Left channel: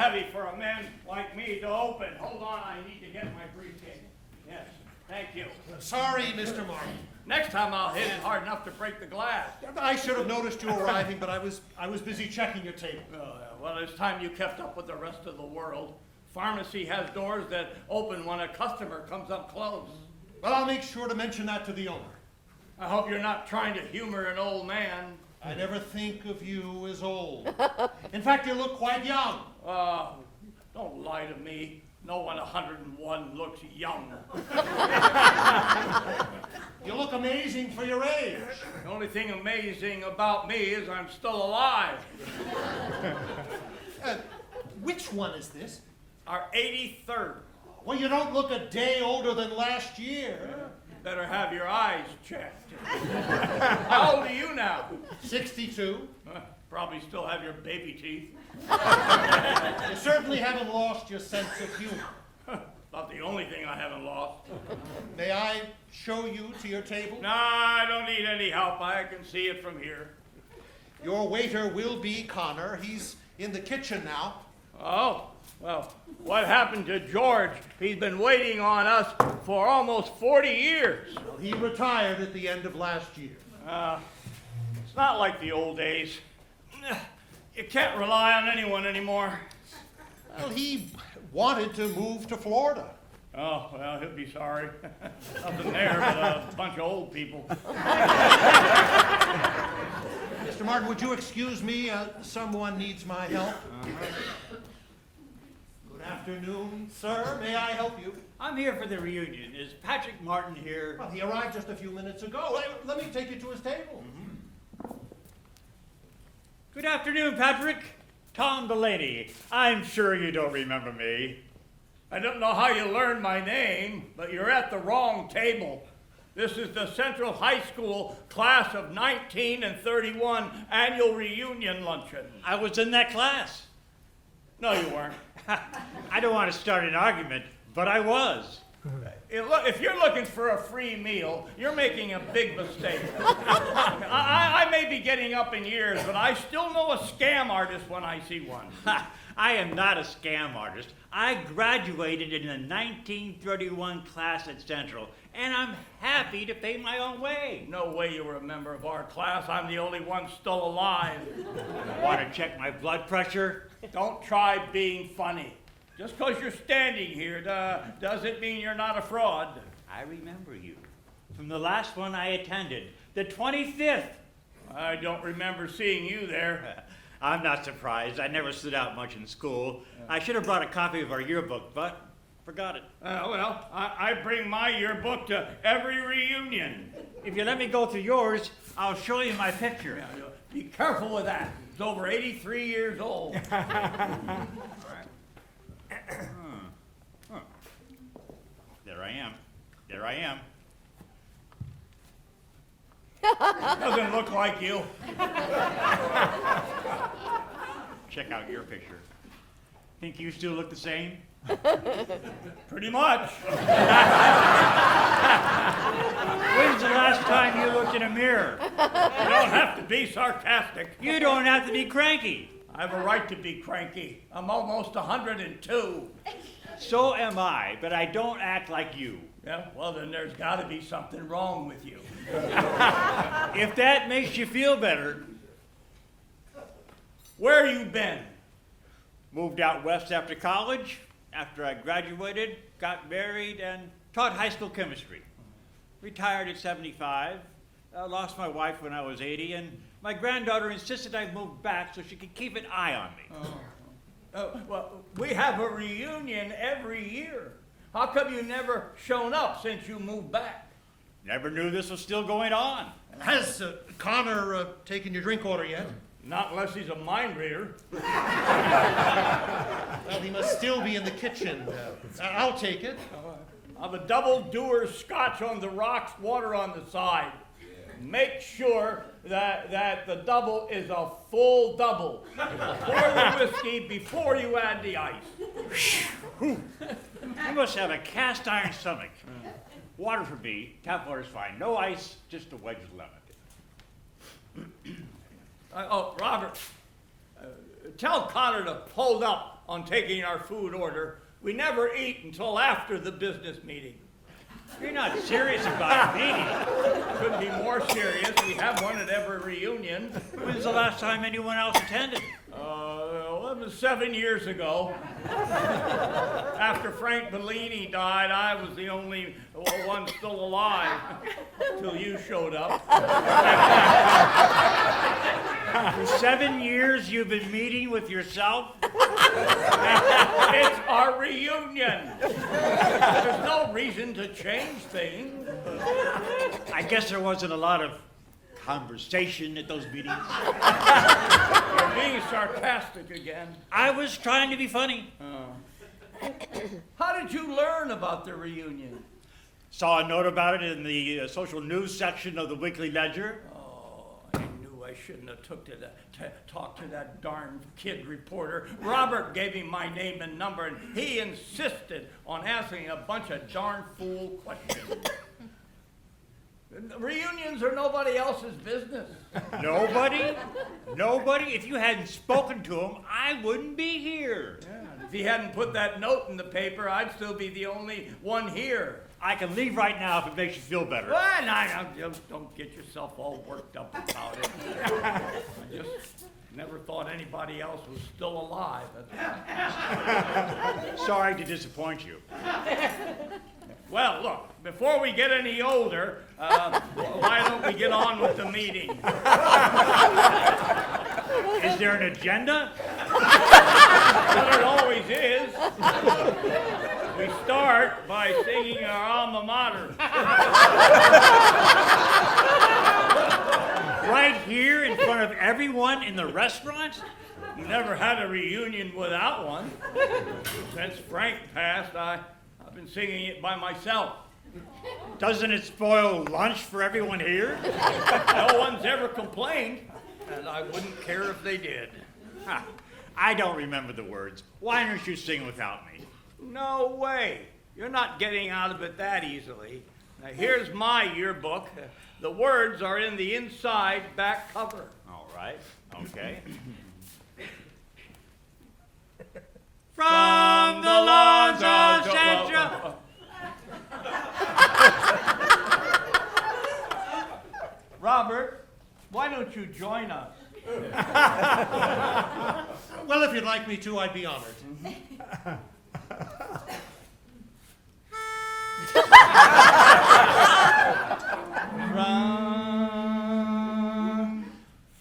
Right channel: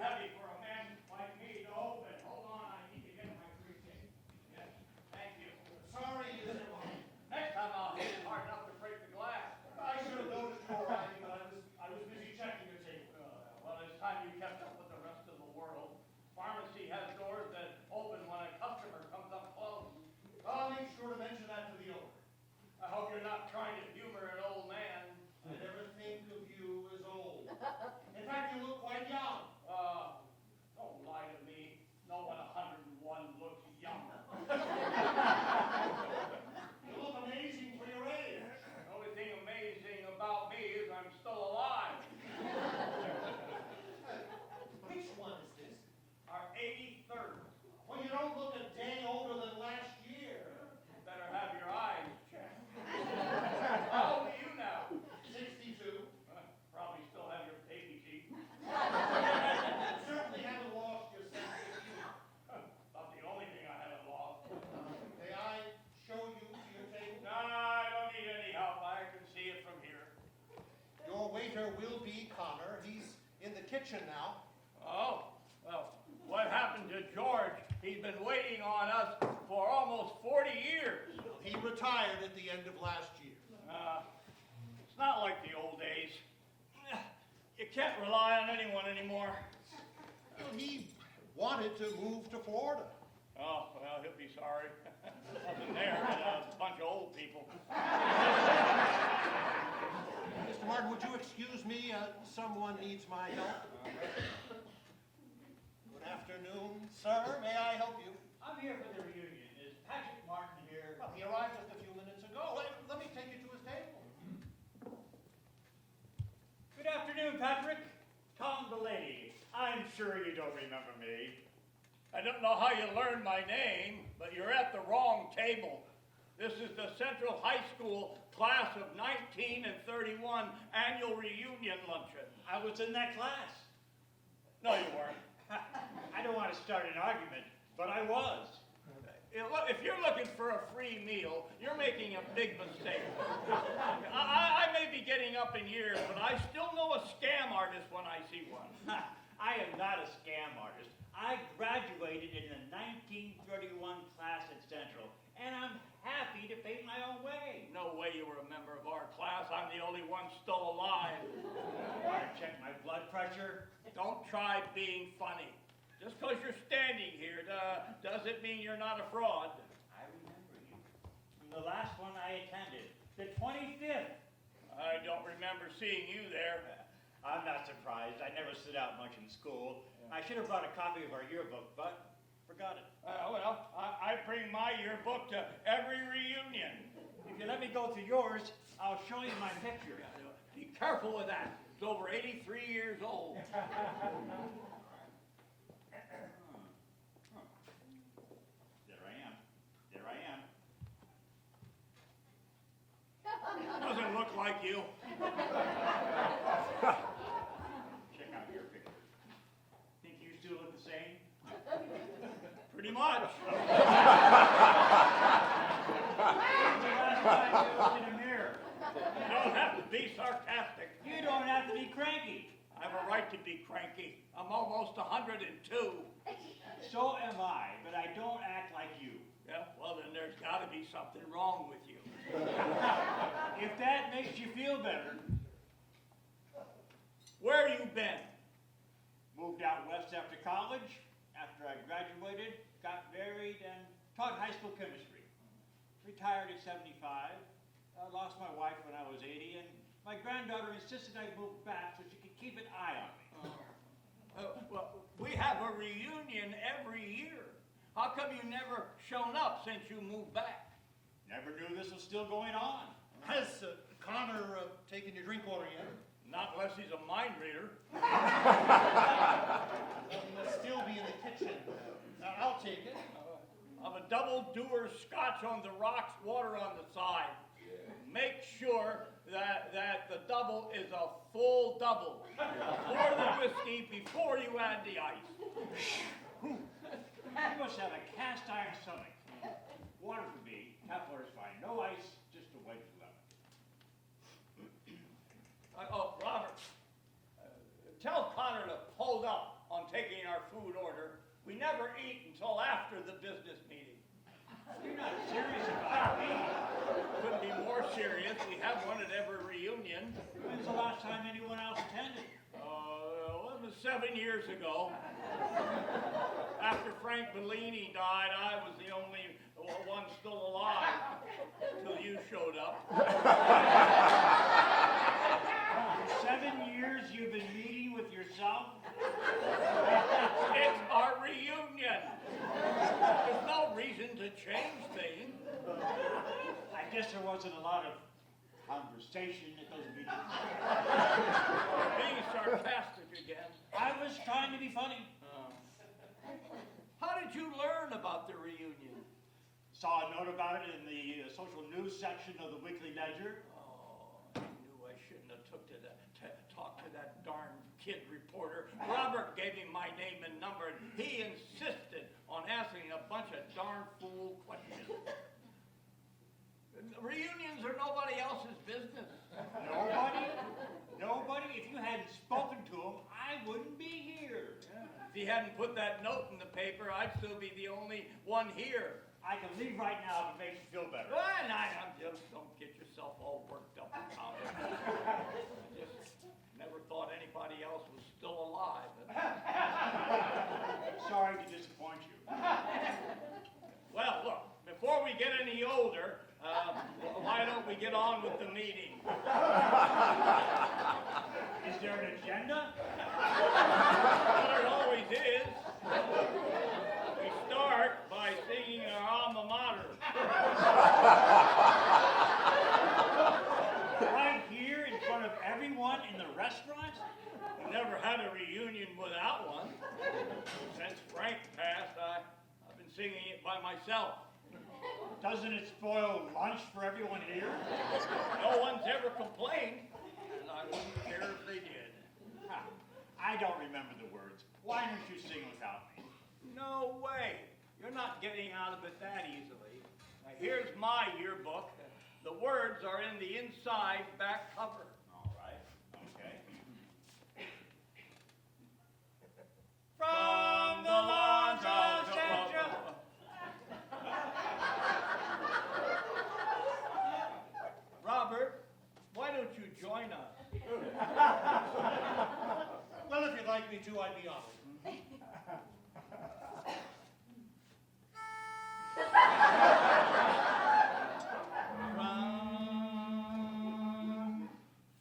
heavy for a man like me to open. Hold on, I need to get my briefcase. Yes, thank you. Sorry, Mr. Martin. Next time I'll hit it hard enough to break the glass. I should have noticed you arriving, but I was busy checking your table. Well, it's time you kept up with the rest of the world. Pharmacy has doors that open when a customer comes up close. Well, I'll make sure to mention that to the owner. I hope you're not trying to humor an old man. I never think of you as old. In fact, you look quite young. Don't lie to me. No one 101 looks young. You look amazing for your age. The only thing amazing about me is I'm still alive. Which one is this? Our 83rd. Well, you don't look a day older than last year. Better have your eyes checked. How old are you now? 62. Probably still have your baby teeth. You certainly haven't lost your sense of humor. About the only thing I haven't lost. May I show you to your table? No, I don't need any help. I can see it from here. Your waiter will be Connor. He's in the kitchen now. Oh, well, what happened to George? He's been waiting on us for almost 40 years. Well, he retired at the end of last year. It's not like the old days. You can't rely on anyone anymore. Well, he wanted to move to Florida. Oh, well, he'll be sorry. Nothing there but a bunch of old people. Mr. Martin, would you excuse me? Someone needs my help. Good afternoon, sir. May I help you? I'm here for the reunion. Is Patrick Martin here? Well, he arrived just a few minutes ago. Let me take you to his table. Good afternoon, Patrick. Tom Delaney. I'm sure you don't remember me. I don't know how you learned my name, but you're at the wrong table. This is the Central High School class of 19 and 31 annual reunion luncheon. I was in that class. No, you weren't. I don't want to start an argument, but I was. If you're looking for a free meal, you're making a big mistake. I may be getting up in years, but I still know a scam artist when I see one. I am not a scam artist. I graduated in the 1931 class at Central, and I'm happy to pay my own way. No way you were a member of our class. I'm the only one still alive. Want to check my blood pressure? Don't try being funny. Just because you're standing here doesn't mean you're not a fraud. I remember you from the last one I attended, the 25th. I don't remember seeing you there. I'm not surprised. I never stood out much in school. I should have brought a copy of our yearbook, but forgot it. Well, I bring my yearbook to every reunion. If you let me go through yours, I'll show you my picture. Be careful with that. It's over 83 years old. There I am. Doesn't look like you. Check out your picture. Think you still look the same? Pretty much. When's the last time you looked in a mirror? You don't have to be sarcastic. You don't have to be cranky. I have a right to be cranky. I'm almost 102. So am I, but I don't act like you. Yeah, well then there's got to be something wrong with you. If that makes you feel better. Where you been? Moved out west after college. After I graduated, got married, and taught high school chemistry. Retired at 75. Lost my wife when I was 80, and my granddaughter insisted I move back so she could keep an eye on me. Well, we have a reunion every year. How come you never shown up since you moved back? Never knew this was still going on. Has Connor taken your drink order yet? Not unless he's a mind reader. Well, he must still be in the kitchen. I'll take it. I've a double doer scotch on the rocks, water on the side. Make sure that the double is a full double. Pour the whiskey before you add the ice. You must have a cast iron stomach. Water for me. Tap water's fine. No ice, just a wedge of lemon. Robert, tell Connor to hold up on taking our food order. We never eat until after the business meeting. You're not serious about a meeting. Couldn't be more serious. We have one at every reunion. When's the last time anyone else attended? Well, it was 7 years ago. After Frank Bellini died, I was the only one still alive until you showed up. For 7 years you've been meeting with yourself? It's our reunion. There's no reason to change things. I guess there wasn't a lot of conversation at those meetings. You're being sarcastic again. I was trying to be funny. How did you learn about the reunion? Saw a note about it in the social news section of the Weekly Ledger. Oh, I knew I shouldn't have talked to that darn kid reporter. Robert gave him my name and number, and he insisted on asking a bunch of darn fool questions. Reunions are nobody else's business. Nobody? Nobody? If you hadn't spoken to him, I wouldn't be here. Yeah, if he hadn't put that note in the paper, I'd still be the only one here. I can leave right now if it makes you feel better. Well, just don't get yourself all worked up about it. I just never thought anybody else was still alive. Sorry to disappoint you. Well, look, before we get any older, why don't we get on with the meeting? Is there an agenda? Well, it always is. We start by singing our alma mater. Right here in front of everyone in the restaurant? We never had a reunion without one. Since Frank passed, I've been singing it by myself. Doesn't it spoil lunch for everyone here? No one's ever complained, and I wouldn't care if they did. Ha, I don't remember the words. Why don't you sing without me? No way. You're not getting out of it that easily. Now, here's my yearbook. The words are in the inside back cover. All right, okay. From the lawns of Central... Robert, why don't you join us? Well, if you'd like me to, I'd be honored.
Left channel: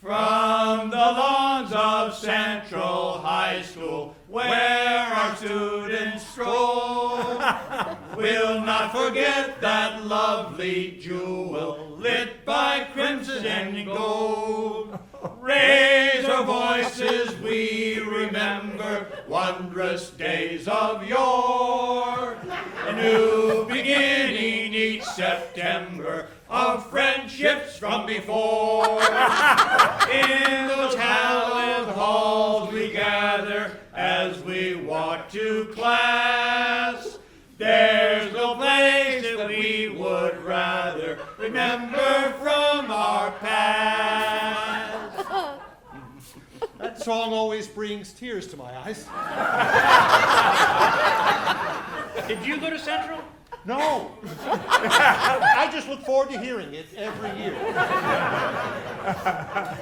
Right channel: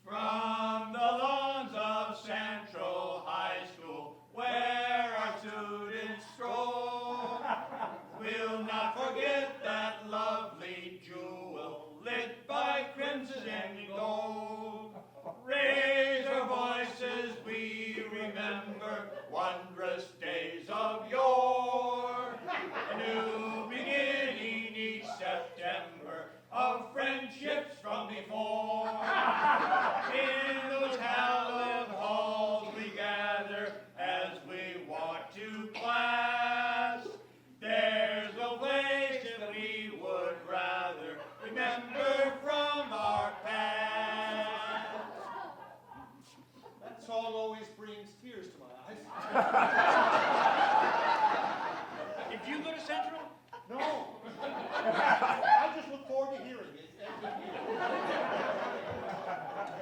From the lawns of Central High School, where our students stroll, we'll not forget that lovely jewel lit by crimson and gold. Raise our voices, we remember wondrous days of yore. A new beginning each September of friendships from before. In those hallowed halls we gather as we walk to class. There's no place that we would rather remember from our past. That song always brings tears to my eyes. Did you go to Central? No. I just look forward to hearing it every year.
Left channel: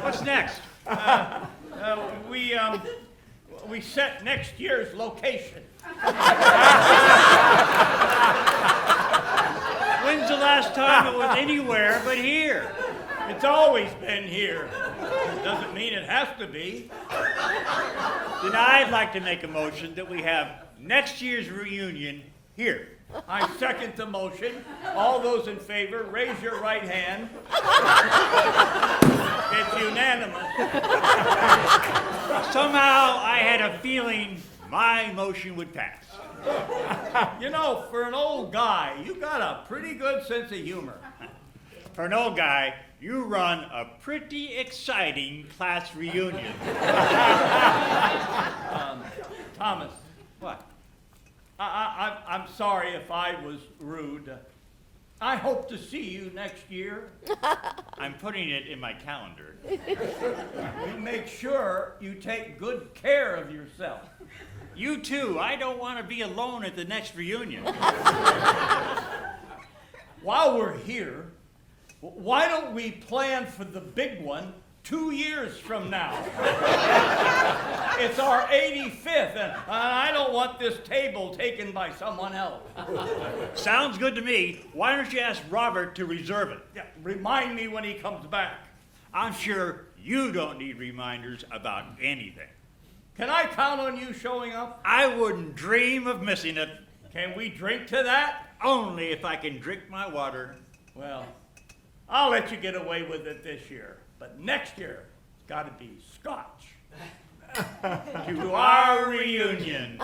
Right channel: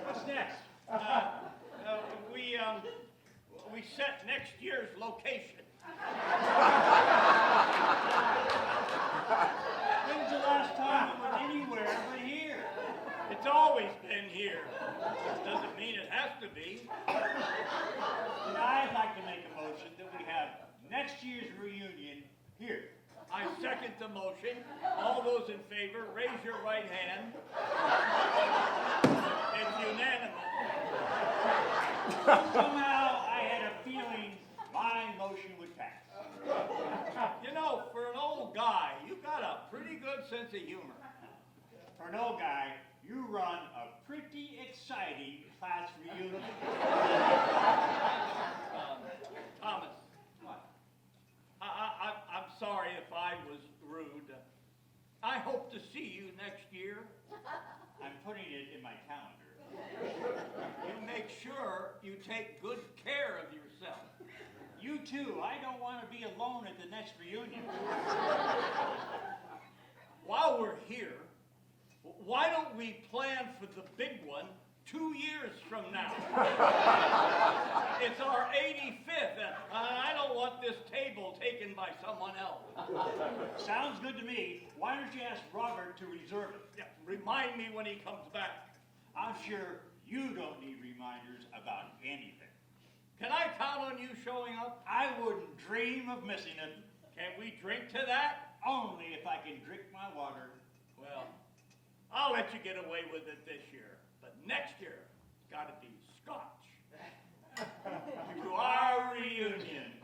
What's next? We set next year's location. When's the last time it was anywhere but here? It's always been here. Doesn't mean it has to be. Then I'd like to make a motion that we have next year's reunion here. I second the motion. All those in favor, raise your right hand. It's unanimous. Somehow I had a feeling my motion would pass. You know, for an old guy, you got a pretty good sense of humor. For an old guy, you run a pretty exciting class reunion. Thomas, What? I'm sorry if I was rude. I hope to see you next year. I'm putting it in my calendar. Make sure you take good care of yourself. You too. I don't want to be alone at the next reunion. While we're here, why don't we plan for the big one 2 years from now? It's our 85th, and I don't want this table taken by someone else. Sounds good to me. Why don't you ask Robert to reserve it? Yeah, remind me when he comes back. I'm sure you don't need reminders about anything. Can I count on you showing up? I wouldn't dream of missing it. Can we drink to that? Only if I can drink my water. Well, I'll let you get away with it this year, but next year, it's got to be Scotch. To our reunion.